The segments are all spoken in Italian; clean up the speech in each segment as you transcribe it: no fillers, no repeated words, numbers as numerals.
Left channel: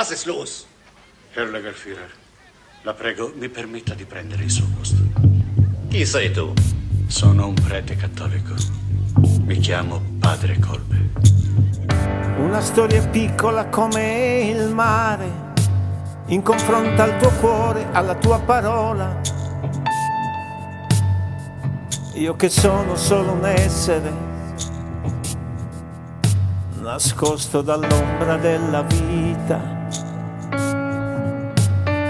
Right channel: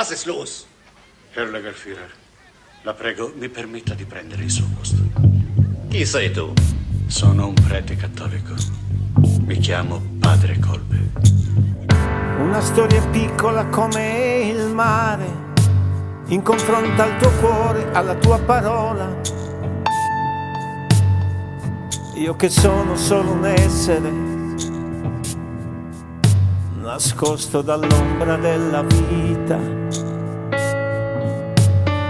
Was ist los? Herr Lagerführer, la prego, mi permetta di prendere il suo posto. Chi sei tu? Sono un prete cattolico. Mi chiamo Padre Kolbe. Una storia piccola come il mare, in confronto al tuo cuore, alla tua parola. Io che sono solo un essere, nascosto dall'ombra della vita.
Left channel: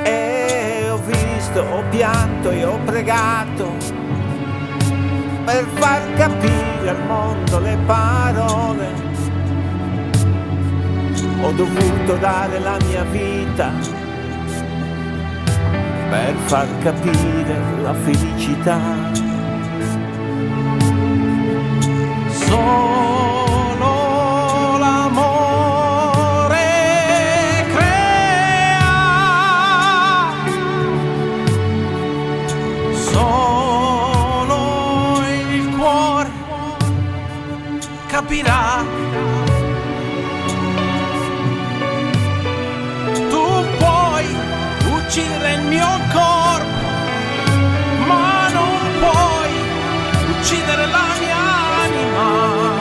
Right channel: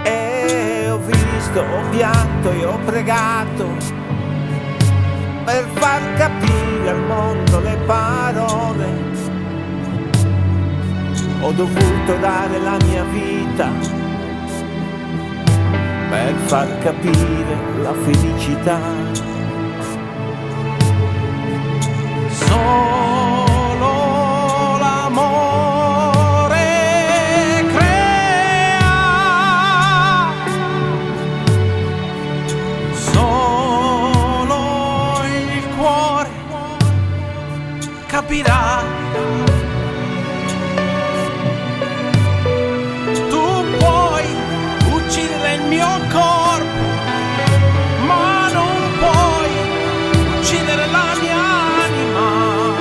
E ho visto, ho pianto e ho pregato per far capire al mondo le parole. Ho dovuto dare la mia vita per far capire la felicità. Solo l'amore crea, solo il cuore capirà. Tu puoi uccidere il mio corpo, ma non puoi uccidere la mia anima.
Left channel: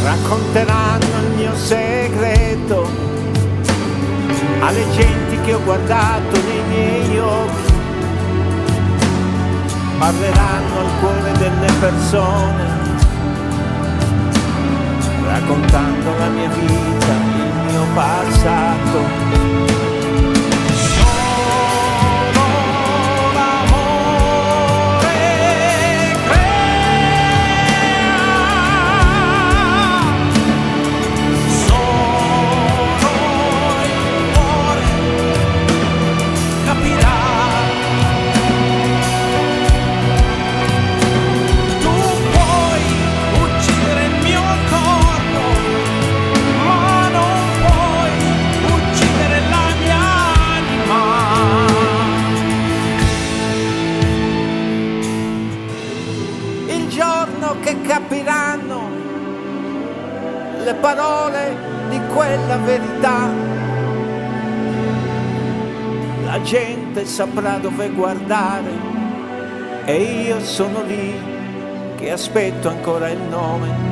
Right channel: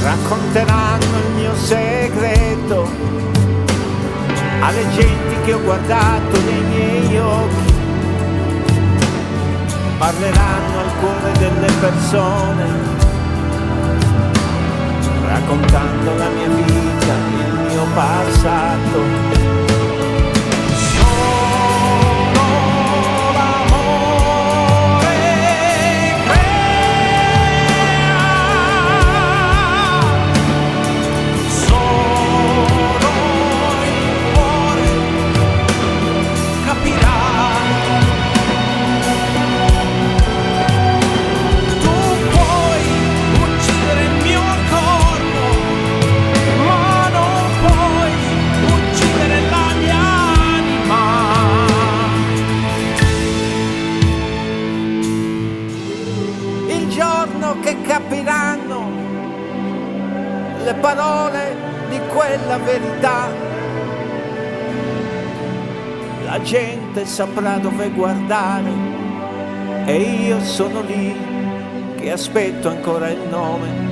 Racconteranno il mio segreto alle genti che ho guardato nei miei occhi, parleranno al cuore delle persone, raccontando la mia vita, il mio passato. Solo l'amore crea, solo il cuore capirà. Tu puoi uccidere il mio corpo, ma non puoi uccidere la mia anima. Il giorno che capiranno le parole di quella verità, la gente saprà dove guardare e io sono lì che aspetto ancora il nome